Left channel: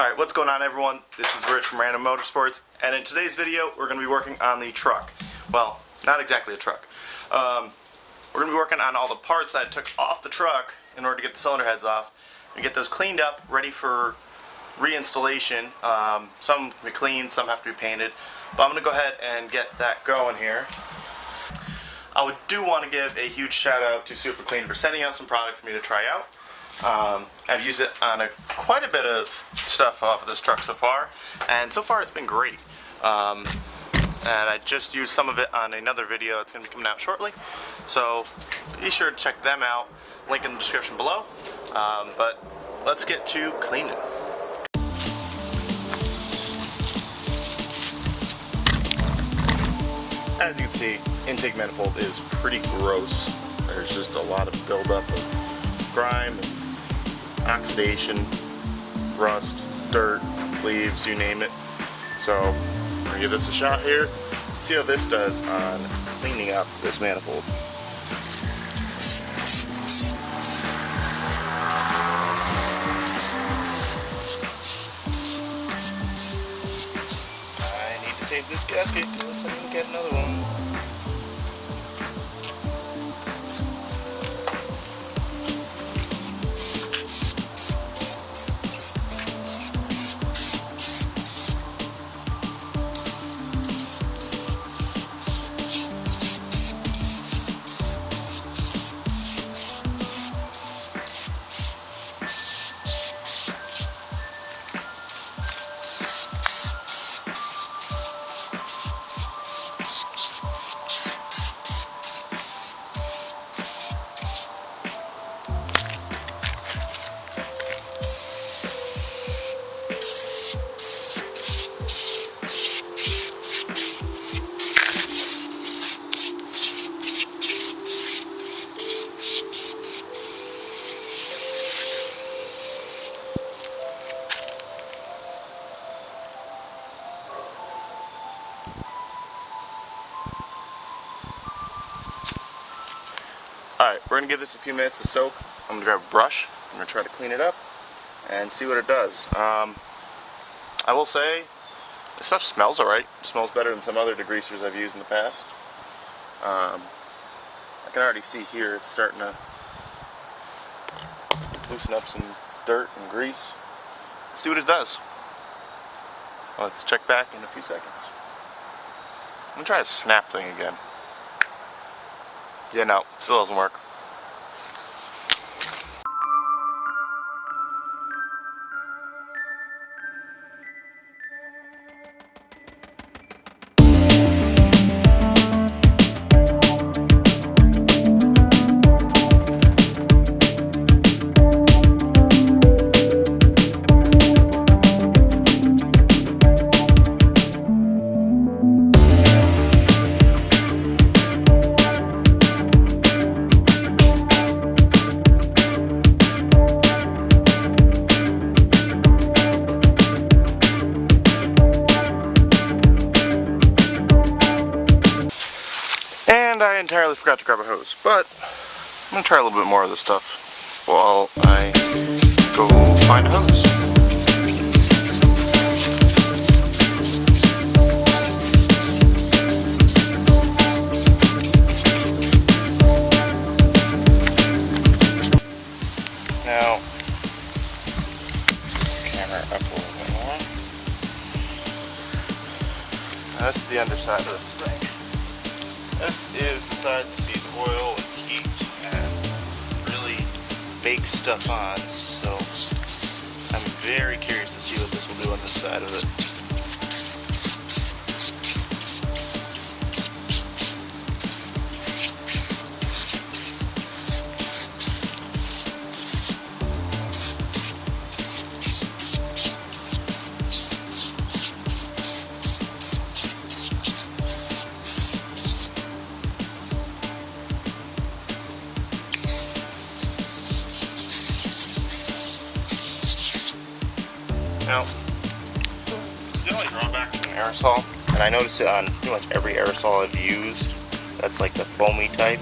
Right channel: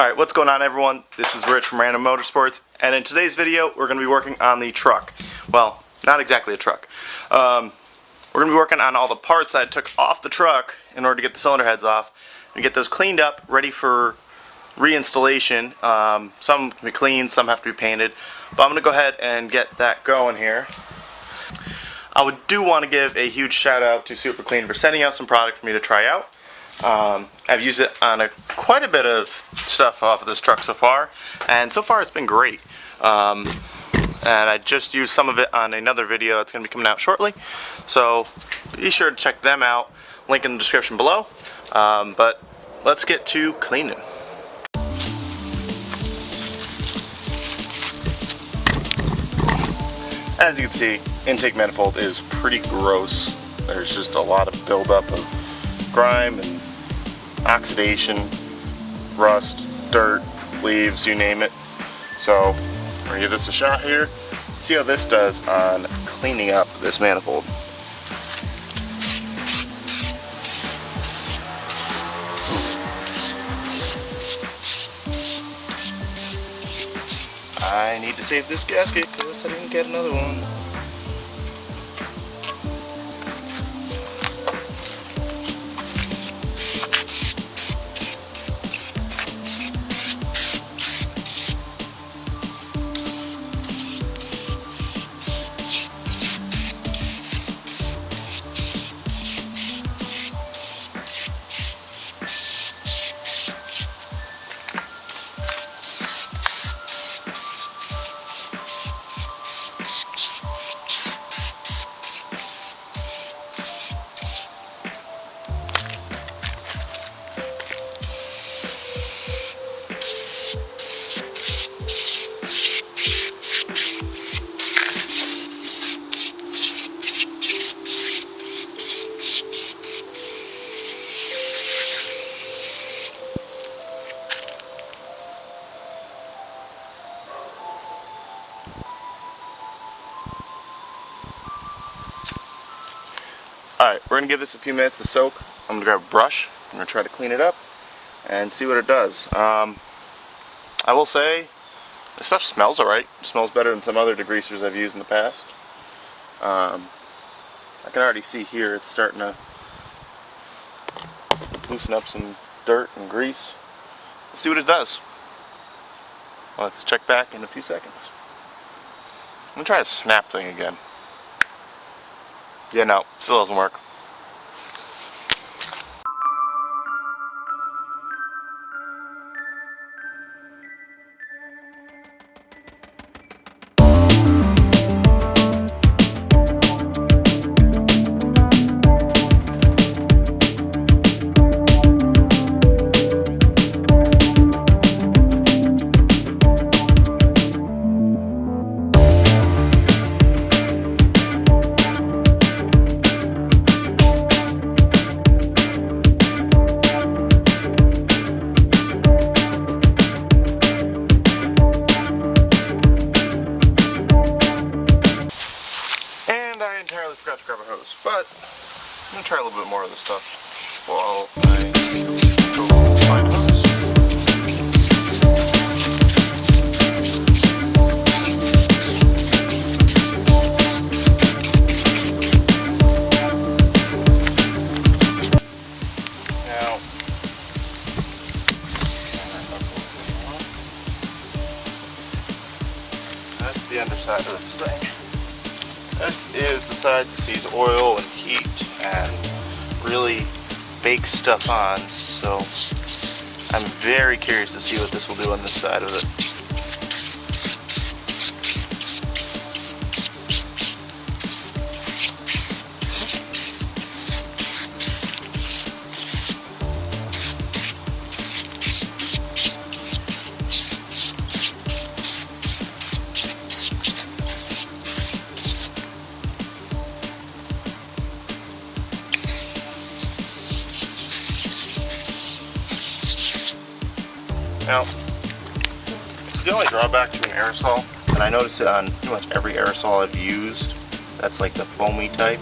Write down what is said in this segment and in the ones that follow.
Alright, what's going on everyone? This is Rich from Random Motorsports, and in today's video we're going to be working on the truck. Well, not exactly a truck. We're going to be working on all the parts that I took off the truck in order to get the cylinder heads off and get those cleaned up, ready for reinstallation. Some can be cleaned, some have to be painted, but I'm going to go ahead and get that going here. I do want to give a huge shout out to Super Clean for sending out some product for me to try out. I've used it on quite a bit of stuff off of this truck so far, and so far it's been great. And I just used some of it on another video that's going to be coming out shortly, so be sure to check them out. Link in the description below. But let's get to cleaning. As you can see, intake manifold is pretty gross. There's just a lot of buildup of grime, oxidation, rust, dirt, leaves, you name it. So we're gonna give this a shot here. See how this does on cleaning up this manifold. I need to save this gasket because I didn't get another one. Alright, we're going to give this a few minutes to soak. I'm going to grab a brush. I'm going to try to clean it up and see what it does. I will say, this stuff smells alright. It smells better than some other degreasers I've used in the past. I can already see here it's starting to loosen up some dirt and grease. Let's see what it does. Let's check back in a few seconds. I'm going to try a snap thing again. Yeah, no, still doesn't work. I entirely forgot to grab a hose, but I'm going to try a little bit more of this stuff while I go find a hose. Now, camera up a little bit more. That's the underside of this thing. This is the side that sees oil and heat and really bakes stuff on, so I'm very curious to see what this will do on this side of it. Now, it's the only drawback to an aerosol, and I notice it on pretty much every aerosol I've used that's like the foamy type,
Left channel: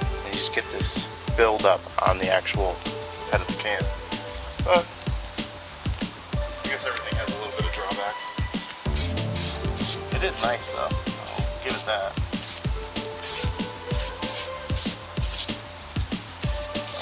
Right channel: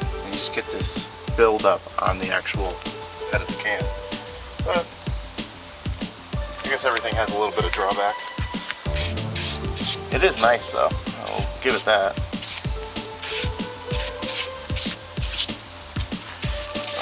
and you just get this build up on the actual head of the can. But I guess everything has a little bit of drawback. It is nice though, I'll give it that.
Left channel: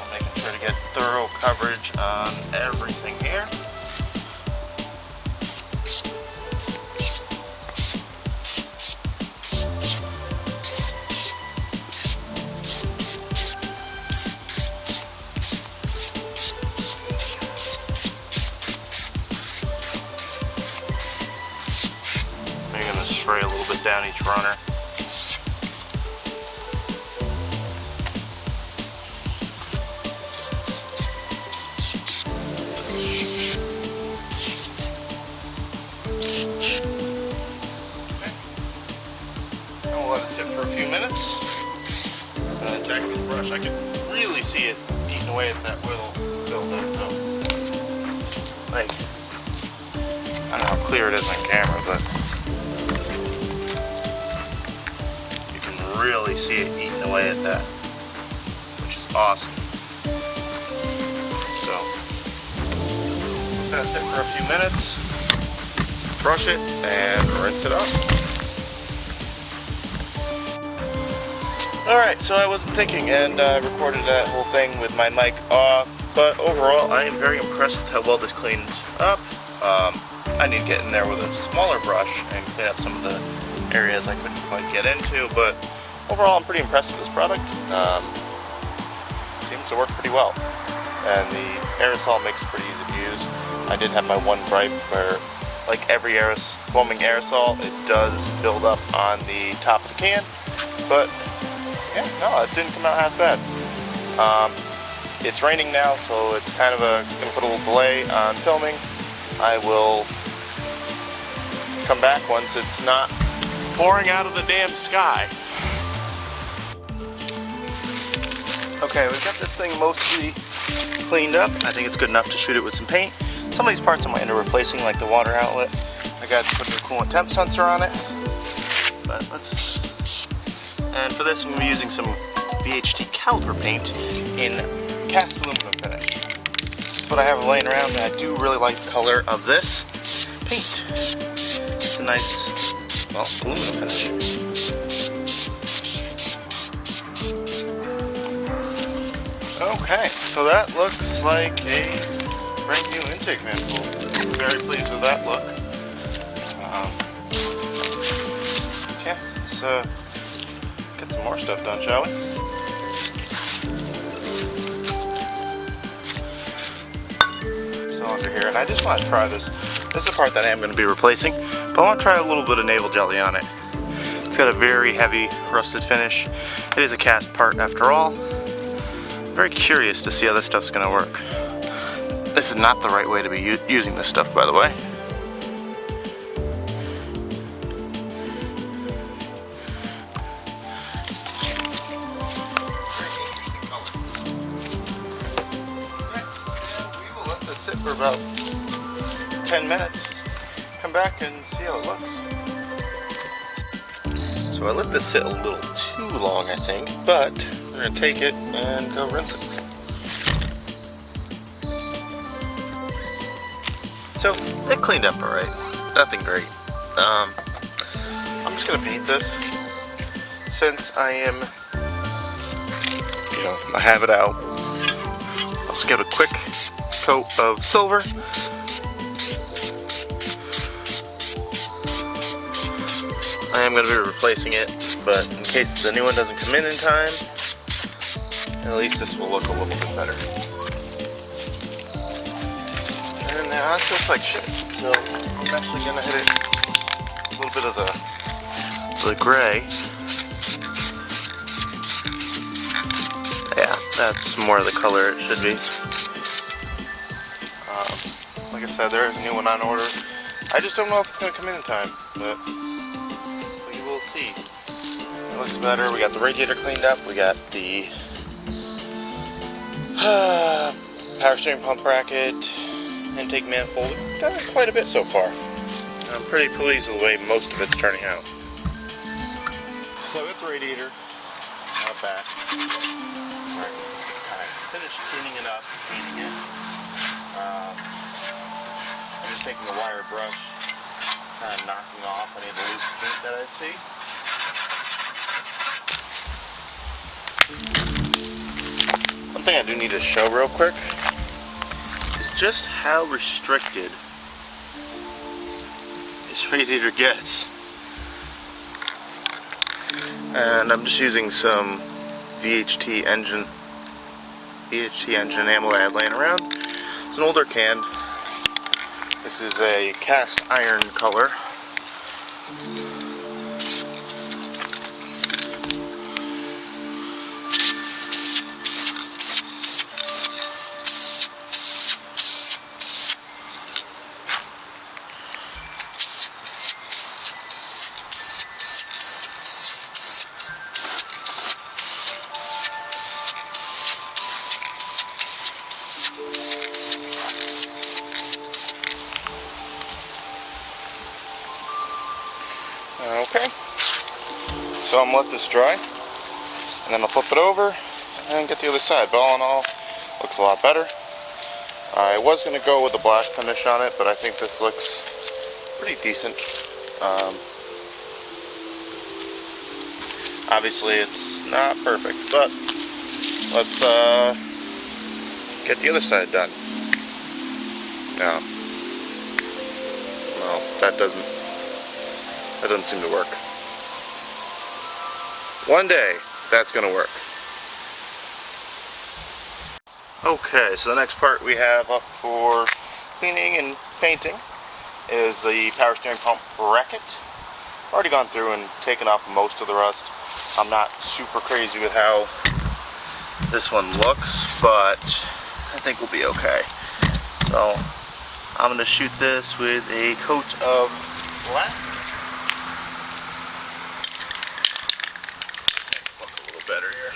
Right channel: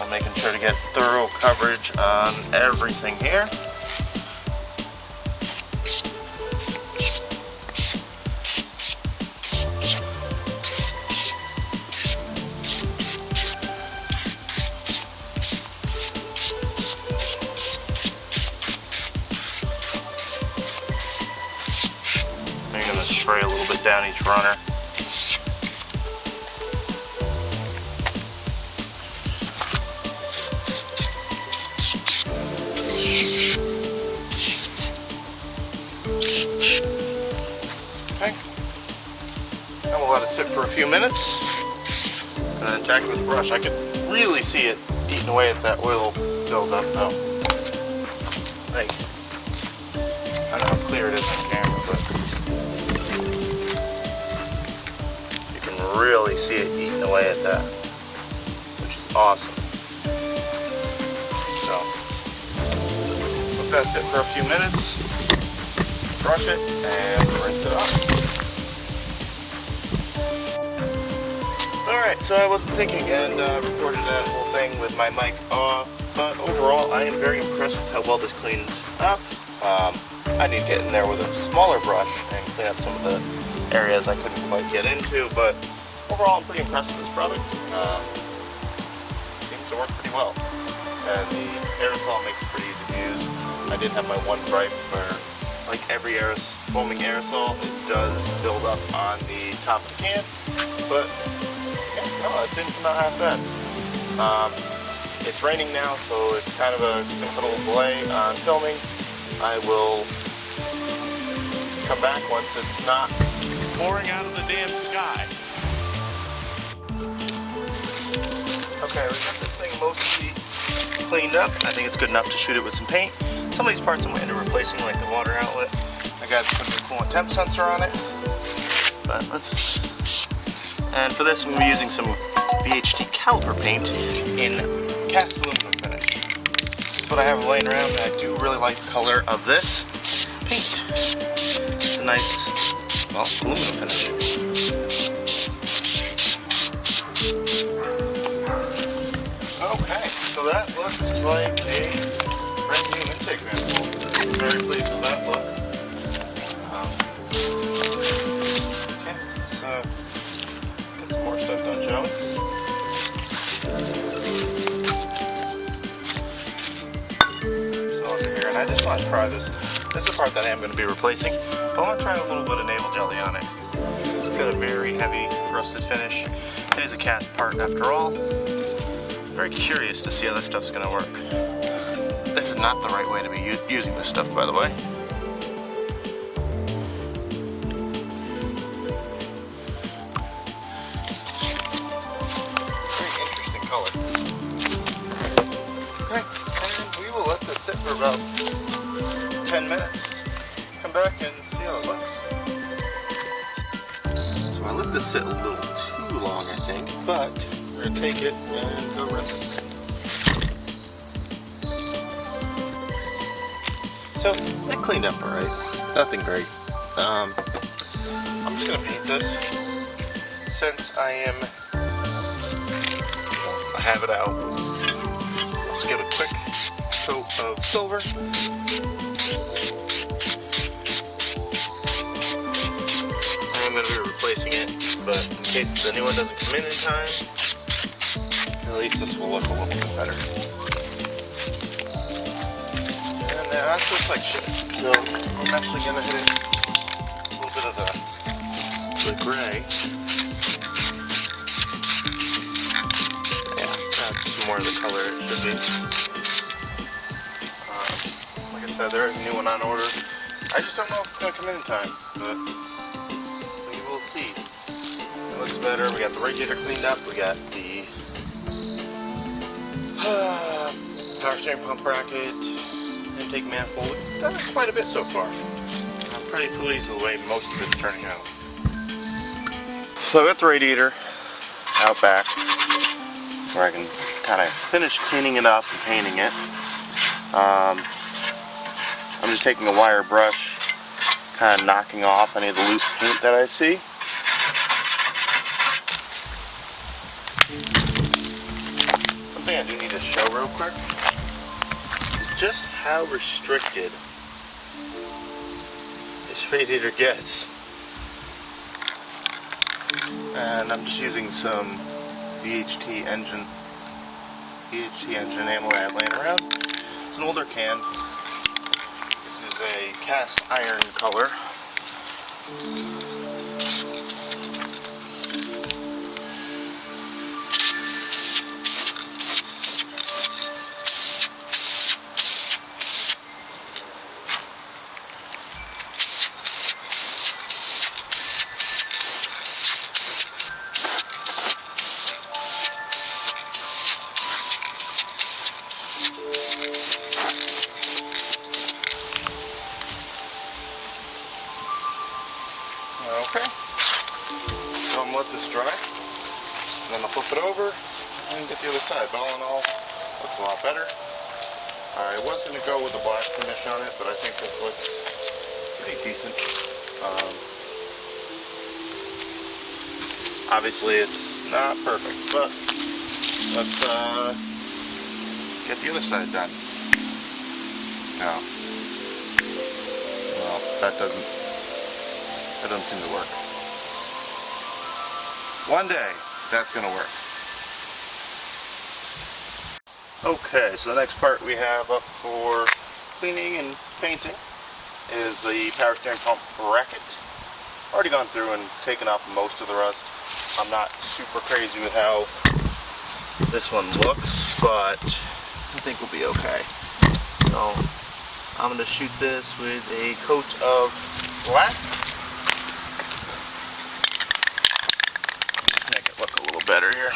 I'm making sure to get thorough coverage on everything here. I'm going to spray a little bit down each runner. Sit for a few minutes and then attack it with a brush. I can really see it eating away at that oil buildup though. Like, I don't know how clear it is on camera, but you can really see it eating away at that, which is awesome. So, let that sit for a few minutes, brush it, and rinse it off. Alright, so I wasn't thinking and recorded that whole thing with my mic off, but overall I am very impressed with how well this cleans up. I need to get in there with a smaller brush and clean up some of the areas I couldn't quite get into, but overall I'm pretty impressed with this product. Seems to work pretty well, and the aerosol makes it pretty easy to use. I did have my one gripe where, like every foaming aerosol, it does build up on the top of the can, but yeah, no, it didn't come out half bad. It's raining now, so it's kind of gonna put a little delay on filming. I will come back once it's not pouring out of the damn sky. Okay, we've got this thing mostly cleaned up. I think it's good enough to shoot it with some paint. Some of these parts I might end up replacing, like the water outlet. I got to put a coolant temp sensor on it. But let's... And for this, I'm going to be using some VHT caliper paint in cast aluminum finish. That's what I have laying around, and I do really like the color of this paint. It's a nice, well, aluminum finish. Okay, so that looks like a brand new intake manifold. I'm very pleased with that look. Yeah, let's get some more stuff done, shall we? So under here, and I just want to try this. This is the part that I am going to be replacing, but I want to try a little bit of Naval Jelly on it. It's got a very heavy rusted finish. It is a cast part after all. Very curious to see how this stuff's going to work. This is not the right way to be using this stuff, by the way. Very interesting color. Okay, and we will let this sit for about 10 minutes. Come back and see how it looks. So I let this sit a little too long, I think, but we're going to take it and go rinse it. So, it cleaned up alright. Nothing great. I'm just going to paint this since I am, I have it out. I'll just give it a quick coat of silver. I am going to be replacing it, but in case the new one doesn't come in time, at least this will look a little bit better. And now this looks like shit, so I'm actually going to hit it a little bit of the gray. Yeah, that's more of the color it should be. Like I said, there is a new one on order. I just don't know if it's going to come in time, but we will see. It looks better. We got the radiator cleaned up. We got the power steering pump bracket, intake manifold. We've done quite a bit so far. I'm pretty pleased with the way most of it's turning out. So I got the radiator out back where I can kind of finish cleaning it up and painting it. I'm just taking a wire brush, kind of knocking off any of the loose paint that I see. One thing I do need to show real quick is just how restricted this radiator gets. And I'm just using some VHT engine ammo I have laying around. It's an older can. This is a cast iron color. Okay, so I'm letting this dry, and then I'll flip it over and get the other side. But all in all, looks a lot better. I was going to go with a black finish on it, but I think this looks pretty decent. Obviously it's not perfect, but let's get the other side done. Now, well, that doesn't seem to work. One day, that's going to work. Okay, so the next part we have up for cleaning and painting is the power steering pump bracket. Already gone through and taken off most of the rust. I'm not super crazy with how this one looks, but I think we'll be okay. So I'm going to shoot this with a coat of black. Better here.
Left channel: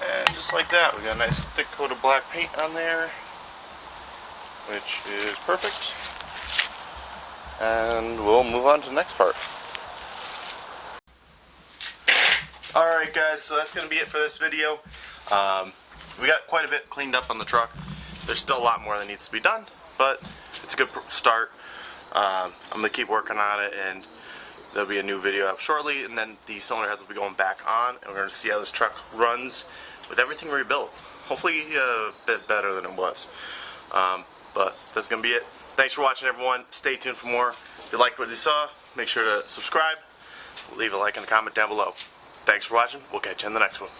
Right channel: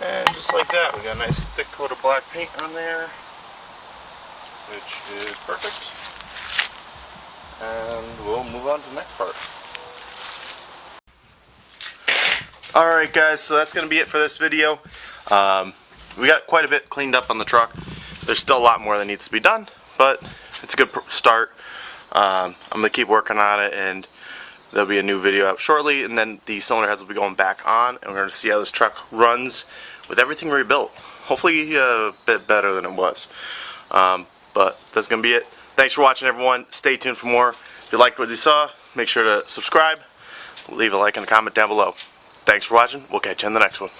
And just like that, we got a nice thick coat of black paint on there, which is perfect. And we'll move on to the next part. Alright guys, so that's going to be it for this video. We got quite a bit cleaned up on the truck. There's still a lot more that needs to be done, but it's a good start. I'm going to keep working on it, and there'll be a new video out shortly, and then the cylinder heads will be going back on, and we're going to see how this truck runs with everything rebuilt. Hopefully a bit better than it was. But that's going to be it. Thanks for watching, everyone. Stay tuned for more. If you liked what you saw, make sure to subscribe, leave a like and a comment down below. Thanks for watching. We'll catch you in the next one.